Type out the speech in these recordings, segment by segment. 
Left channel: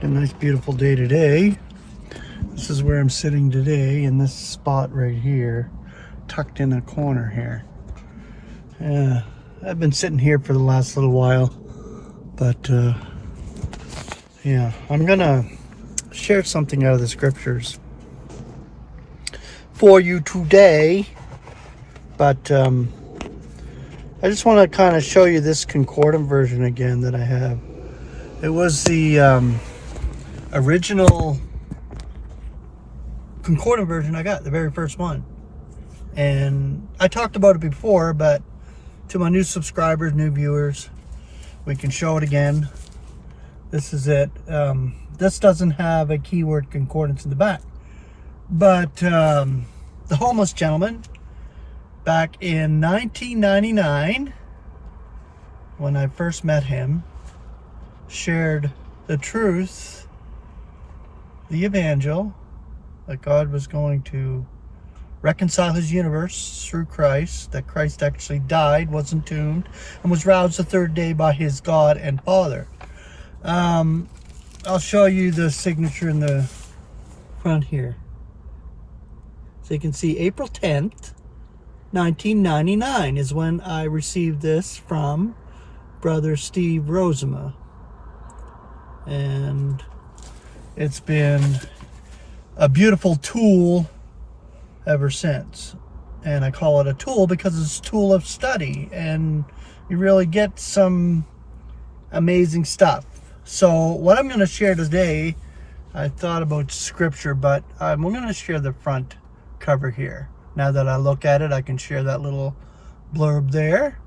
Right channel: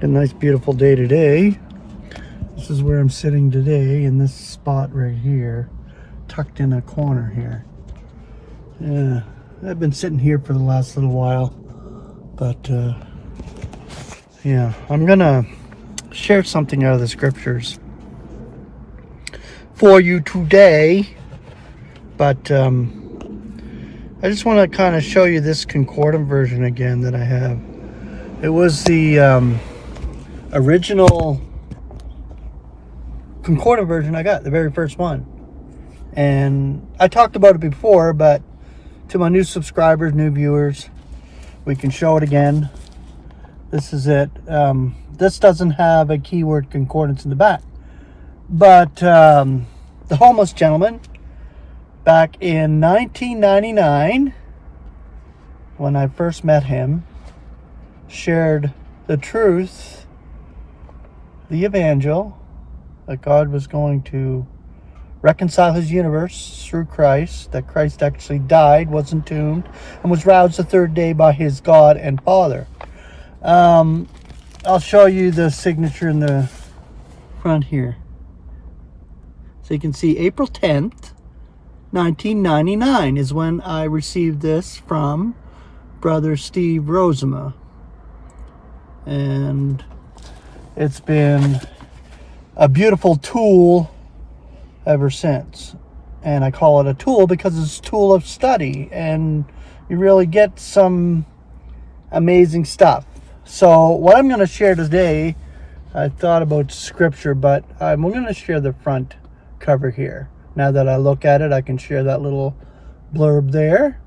A nice beautiful day today. This is where I'm sitting today, in this spot right here, tucked in a corner here. Yeah, I've been sitting here for the last little while, but yeah, I'm gonna share something out of the scriptures for you today, but I just want to kind of show you this concordant version again that I have. It was the original concordant version I got, the very first one, and I talked about it before, but to my new subscribers, new viewers, we can show it again. This is it. This doesn't have a keyword concordance in the back, but the homeless gentleman back in 1999, when I first met him, shared the truth, the evangel, that God was going to reconcile his universe through Christ, that Christ actually died, was entombed, and was roused the third day by his God and Father. I'll show you the signature in the front here. So you can see April 10th, 1999 is when I received this from Brother Steve Rosema. And it's been a beautiful tool ever since. And I call it a tool because it's a tool of study, and you really get some amazing stuff. So what I'm going to share today, I thought about scripture, but I'm going to share the front cover here. Now that I look at it, I can share that little blurb there.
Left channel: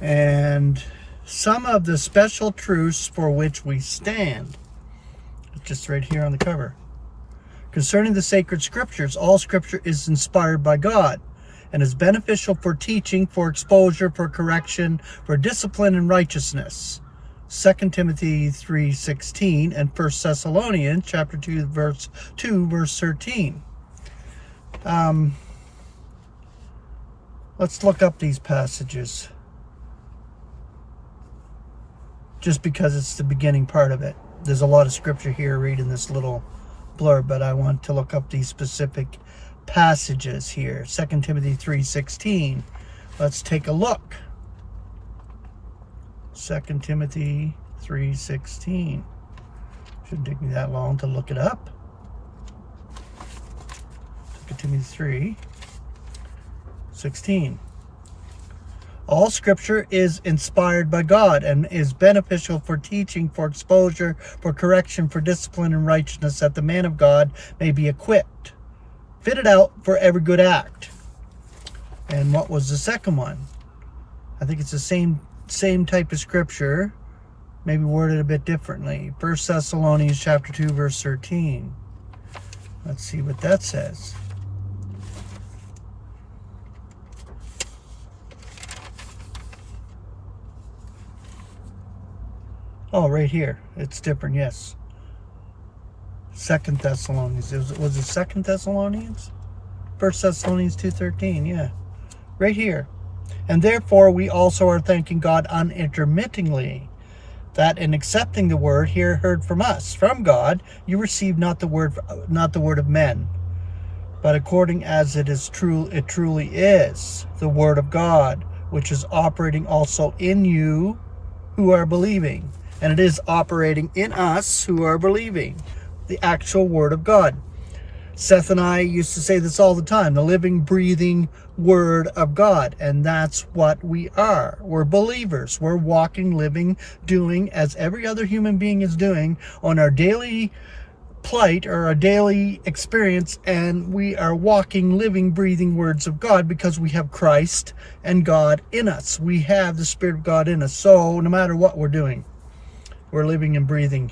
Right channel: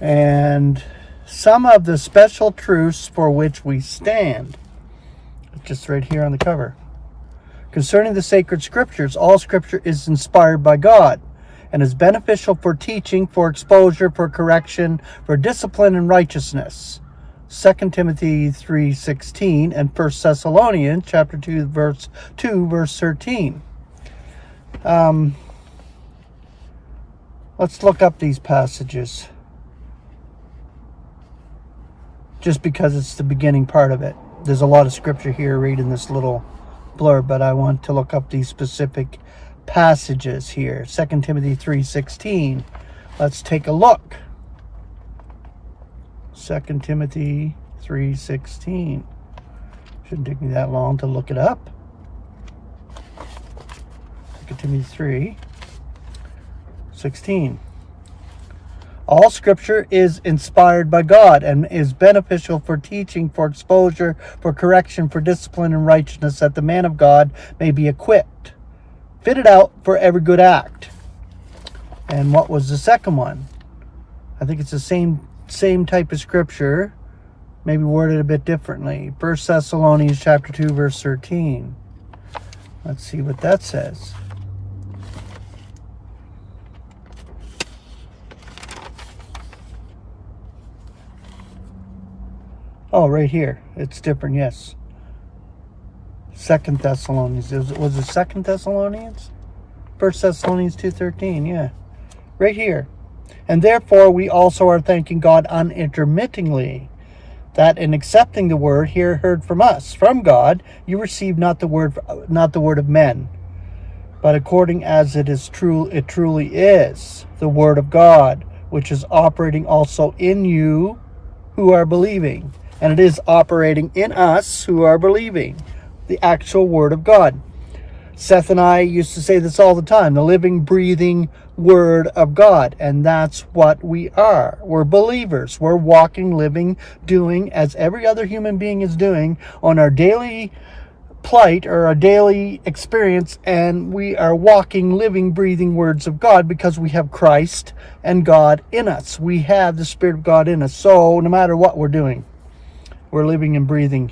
And some of the special truths for which we stand. Just right here on the cover. Concerning the sacred scriptures, all scripture is inspired by God and is beneficial for teaching, for exposure, for correction, for discipline and righteousness. 2 Timothy 3:16 and 1 Thessalonians chapter 2 verse 13. Let's look up these passages, just because it's the beginning part of it. There's a lot of scripture here reading this little blurb, but I want to look up these specific passages here. 2 Timothy 3:16. Let's take a look. 2 Timothy 3:16. Shouldn't take me that long to look it up. 2 Timothy 3:16. All scripture is inspired by God and is beneficial for teaching, for exposure, for correction, for discipline and righteousness, that the man of God may be equipped, fitted out for every good act. And what was the second one? I think it's the same type of scripture, maybe worded a bit differently. 1 Thessalonians chapter 2 verse 13. Let's see what that says. Oh, right here. It's different, yes. 2 Thessalonians. Was it 2 Thessalonians? 1 Thessalonians 2:13, yeah. Right here. And therefore we also are thanking God unintermittingly, that in accepting the word here heard from us, from God, you receive not the word of men, but according as it truly is, the word of God, which is operating also in you who are believing. And it is operating in us who are believing, the actual word of God. Seth and I used to say this all the time, the living, breathing word of God. And that's what we are. We're believers. We're walking, living, doing as every other human being is doing on our daily plight or our daily experience. And we are walking, living, breathing words of God because we have Christ and God in us. We have the Spirit of God in us. So no matter what we're doing, we're living and breathing,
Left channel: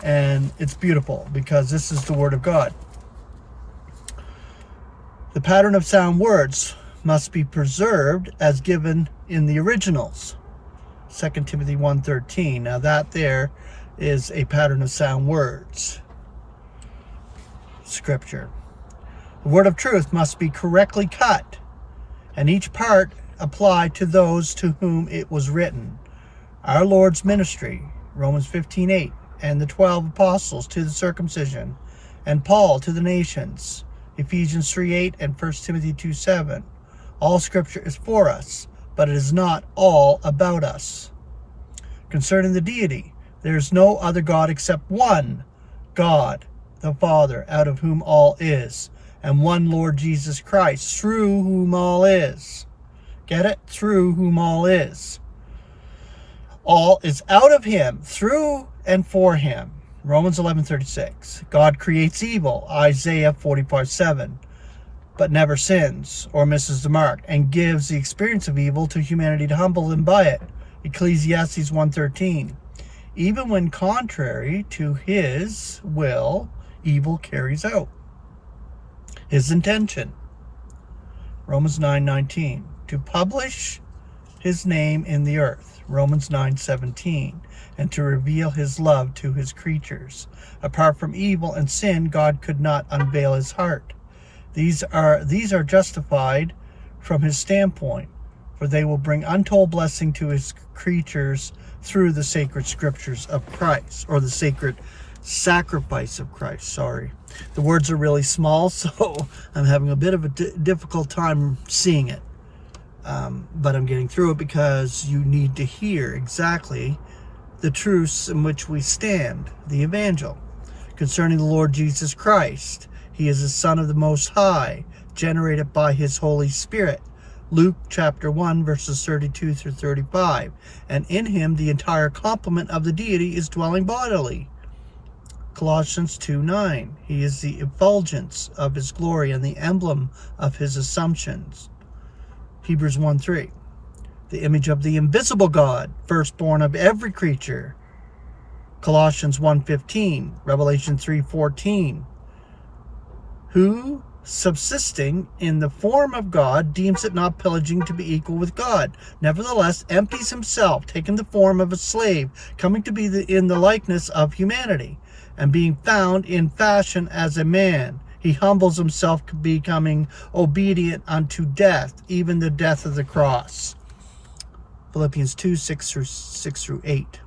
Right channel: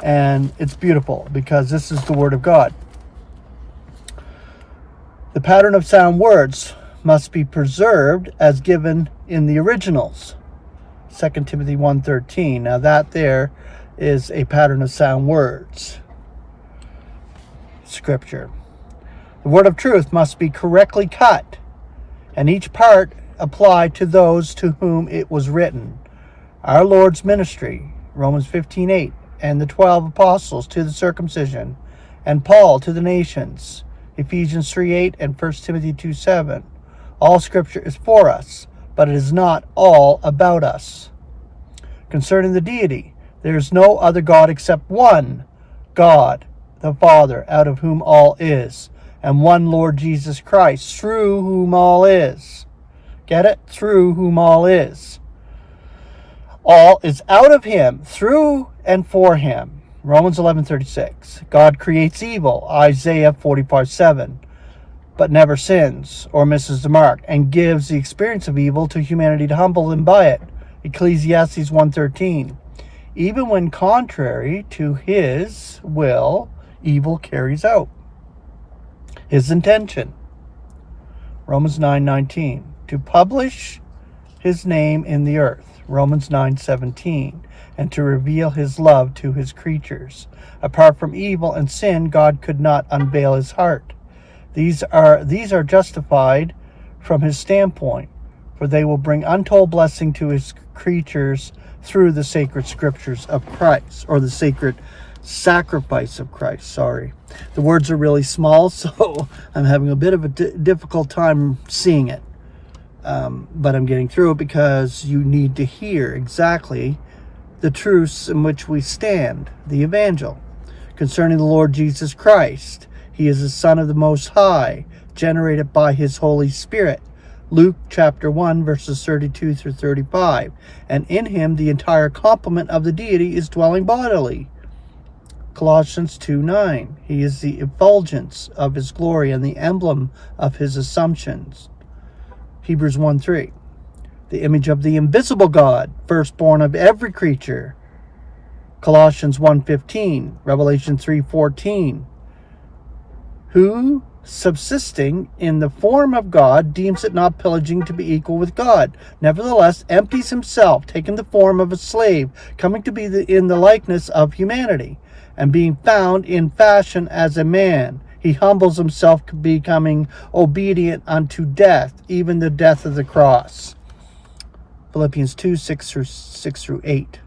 and it's beautiful because this is the Word of God. The pattern of sound words must be preserved as given in the originals. 2 Timothy 1:13. Now that there is a pattern of sound words. Scripture. The word of truth must be correctly cut, and each part applied to those to whom it was written. Our Lord's ministry, Romans 15:8, and the 12 apostles to the circumcision, and Paul to the nations. Ephesians 3:8 and 1 Timothy 2:7. All scripture is for us, but it is not all about us. Concerning the deity, there is no other God except one God, the Father, out of whom all is, and one Lord Jesus Christ, through whom all is. Get it? Through whom all is. All is out of him, through and for him. Romans 11:36. God creates evil, Isaiah 45:7, but never sins or misses the mark, and gives the experience of evil to humanity to humble them by it. Ecclesiastes 1:13. Even when contrary to his will, evil carries out his intention. Romans 9:19. To publish his name in the earth. Romans 9:17. And to reveal his love to his creatures. Apart from evil and sin, God could not unveil his heart. These are justified from his standpoint, for they will bring untold blessing to his creatures through the sacred scriptures of Christ, or the sacred sacrifice of Christ. Sorry. The words are really small, so I'm having a bit of a difficult time seeing it. But I'm getting through it because you need to hear exactly the truths in which we stand, the evangel. Concerning the Lord Jesus Christ, he is the Son of the Most High, generated by his Holy Spirit. Luke chapter 1, verses 32 through 35. And in him the entire complement of the deity is dwelling bodily. Colossians 2:9. He is the effulgence of his glory and the emblem of his assumptions. Hebrews 1:3. The image of the invisible God, firstborn of every creature. Colossians 1:15, Revelation 3:14. Who, subsisting in the form of God, deems it not pillaging to be equal with God, nevertheless empties himself, taking the form of a slave, coming to be in the likeness of humanity, and being found in fashion as a man. He humbles himself, becoming obedient unto death, even the death of the cross. Philippians 2:6 through 8.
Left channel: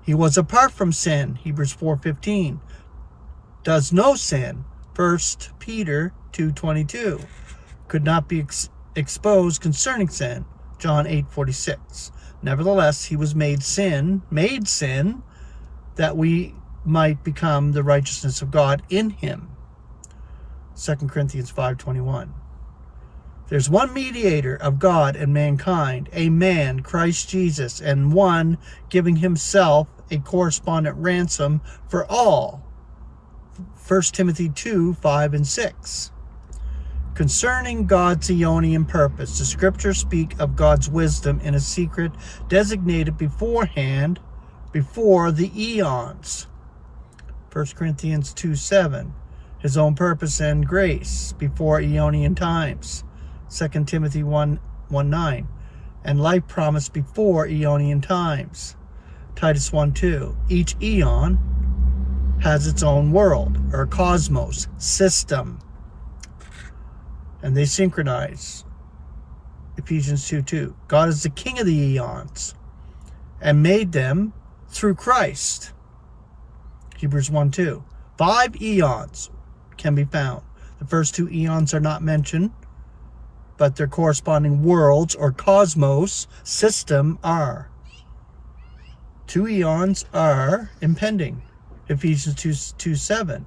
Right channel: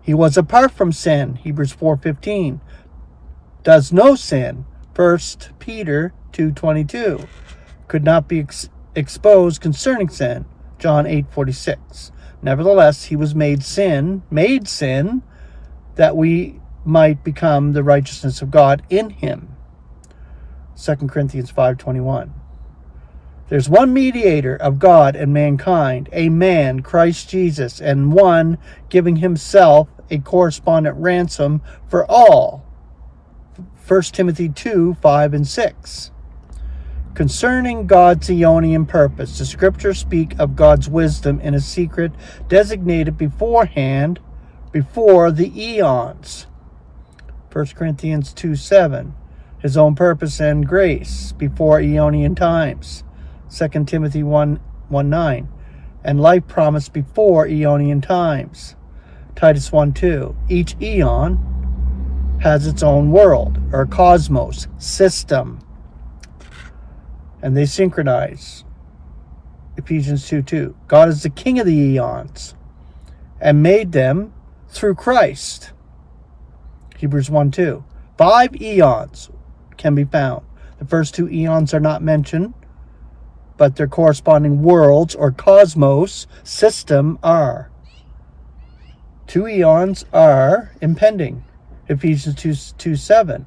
He was apart from sin, Hebrews 4:15. Does no sin, 1 Peter 2:22. Could not be exposed concerning sin, John 8:46. Nevertheless, he was made sin, that we might become the righteousness of God in him. 2 Corinthians 5:21. There's one mediator of God and mankind, a man, Christ Jesus, and one giving himself a correspondent ransom for all. 1 Timothy 2:5 and 6. Concerning God's Aeonian purpose, the scriptures speak of God's wisdom in a secret designated beforehand, before the eons. 1 Corinthians 2:7. His own purpose and grace before Aeonian times. 2 Timothy 1:9. And life promised before Aeonian times. Titus 1:2. Each eon has its own world, or cosmos, system. And they synchronize. Ephesians 2:2. God is the king of the eons and made them through Christ. Hebrews 1:2. 5 eons can be found. The first 2 eons are not mentioned, but their corresponding worlds or cosmos system are. 2 eons are impending. Ephesians 2:7.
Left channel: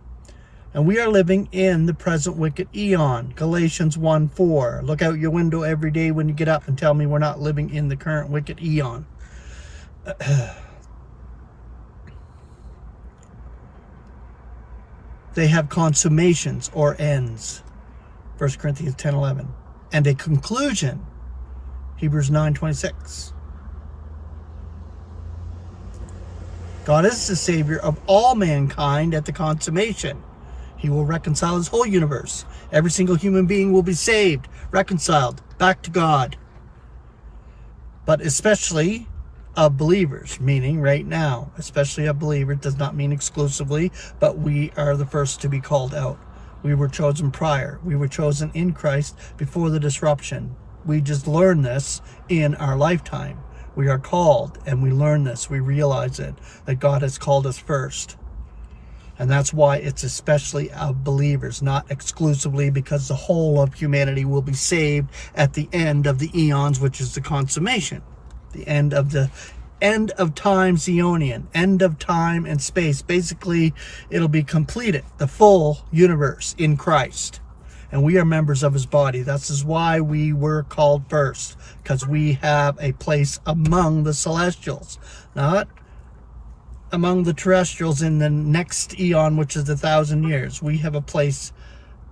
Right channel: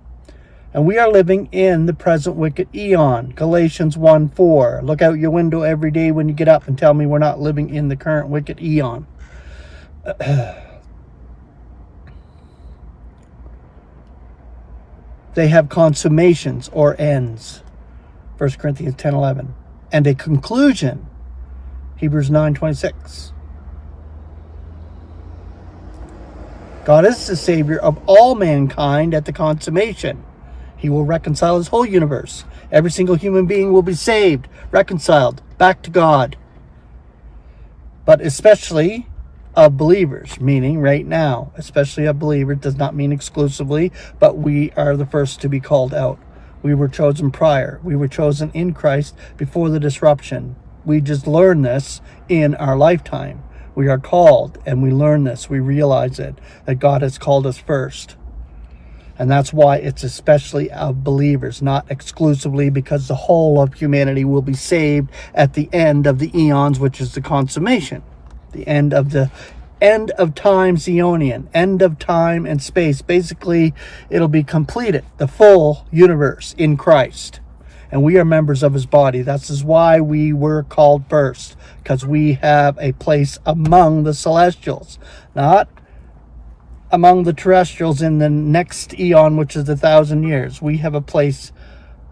And we are living in the present wicked eon. Galatians 1:4. Look out your window every day when you get up and tell me we're not living in the current wicked eon. They have consummations or ends. 1 Corinthians 10:11. And a conclusion. Hebrews 9:26. God is the Savior of all mankind at the consummation. He will reconcile his whole universe. Every single human being will be saved, reconciled, back to God. But especially of believers, meaning right now, especially of believers, does not mean exclusively, but we are the first to be called out. We were chosen prior. We were chosen in Christ before the disruption. We just learned this in our lifetime. We are called, and we learn this. We realize it, that God has called us first. And that's why it's especially of believers, not exclusively, because the whole of humanity will be saved at the end of the eons, which is the consummation. The end of time Zionian, end of time and space. Basically, it'll be completed, the full universe in Christ. And we are members of his body. That's why we were called first, because we have a place among the celestials, not among the terrestrials in the next eon, which is 1,000 years. We have a place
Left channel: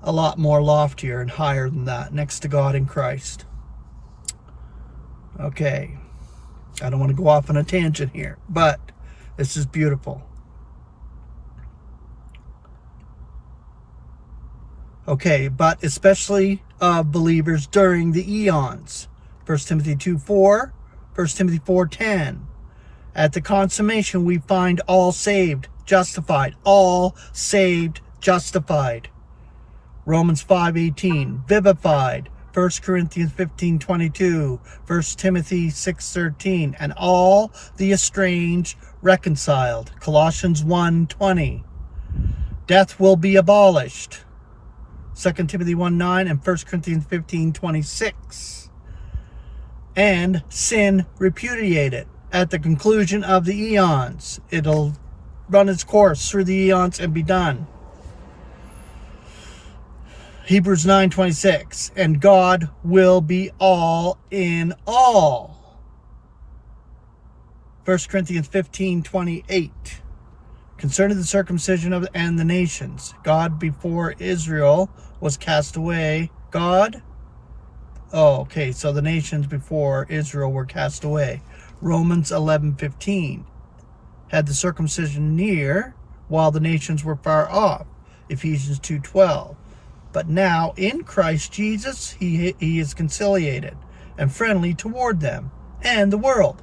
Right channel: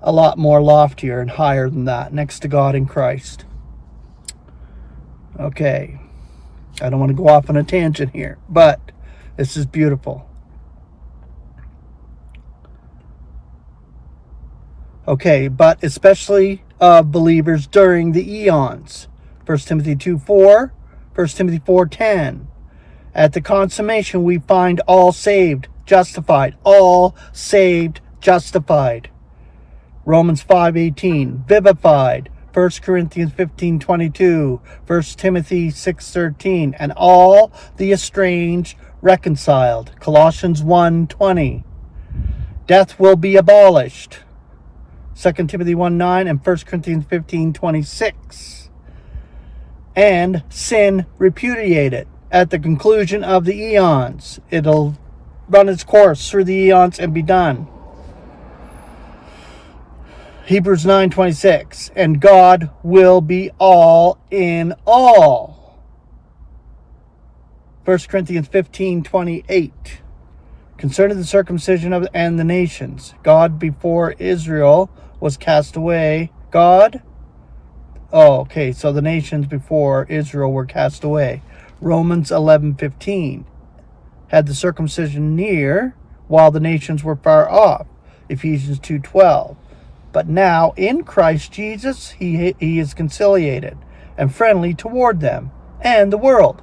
a lot more loftier and higher than that, next to God in Christ. Okay, I don't want to go off on a tangent here, but this is beautiful. Okay, but especially believers during the eons. 1 Timothy 2:4, 1 Timothy 4:10. At the consummation, we find all saved, justified. All saved, justified. Romans 5:18, vivified. 1 Corinthians 15:22, 1 Timothy 6:13, and all the estranged reconciled. Colossians 1:20. Death will be abolished. 2 Timothy 1:9 and 1 Corinthians 15:26. And sin repudiated. At the conclusion of the eons, it'll run its course through the eons and be done. Hebrews 9:26, and God will be all in all. 1 Corinthians 15:28, concerning the circumcision of and the nations, God before Israel was cast away. So the nations before Israel were cast away. Romans 11:15, had the circumcision near while the nations were far off. Ephesians 2:12. But now in Christ Jesus he is conciliated and friendly toward them and the world.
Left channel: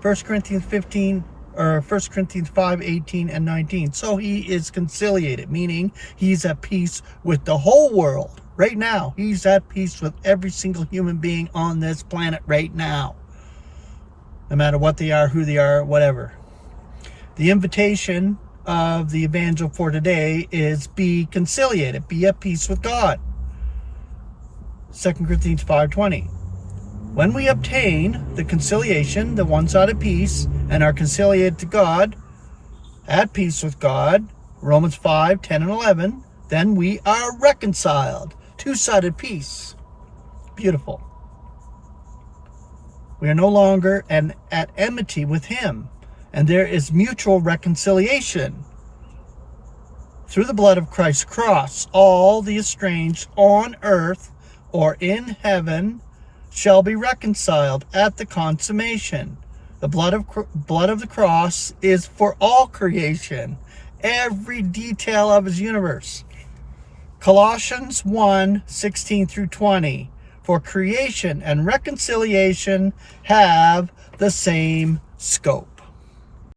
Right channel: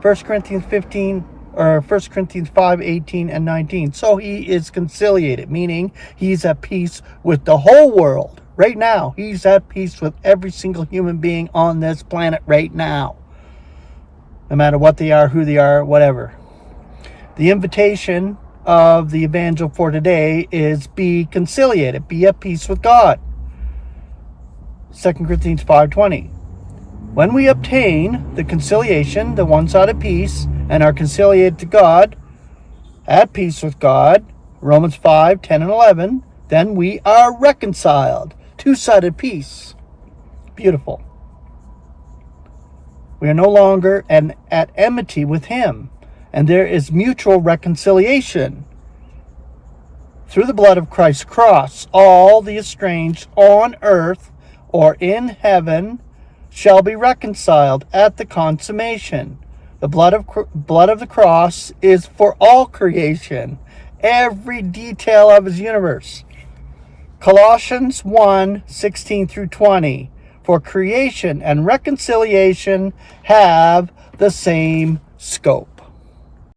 1 Corinthians 5:18 and 19. So he is conciliated, meaning he's at peace with the whole world. Right now, he's at peace with every single human being on this planet right now. No matter what they are, who they are, whatever. The invitation of the evangel for today is be conciliated, be at peace with God. 2 Corinthians 5:20. When we obtain the conciliation, the one-sided peace, and are conciliated to God, at peace with God, Romans 5:10 and 11, then we are reconciled. Two-sided peace. Beautiful. We are no longer at enmity with him, and there is mutual reconciliation. Through the blood of Christ's cross, all the estranged on earth or in heaven shall be reconciled at the consummation. The blood of the cross is for all creation, every detail of his universe. Colossians 1:16 through 20. For creation and reconciliation have the same scope.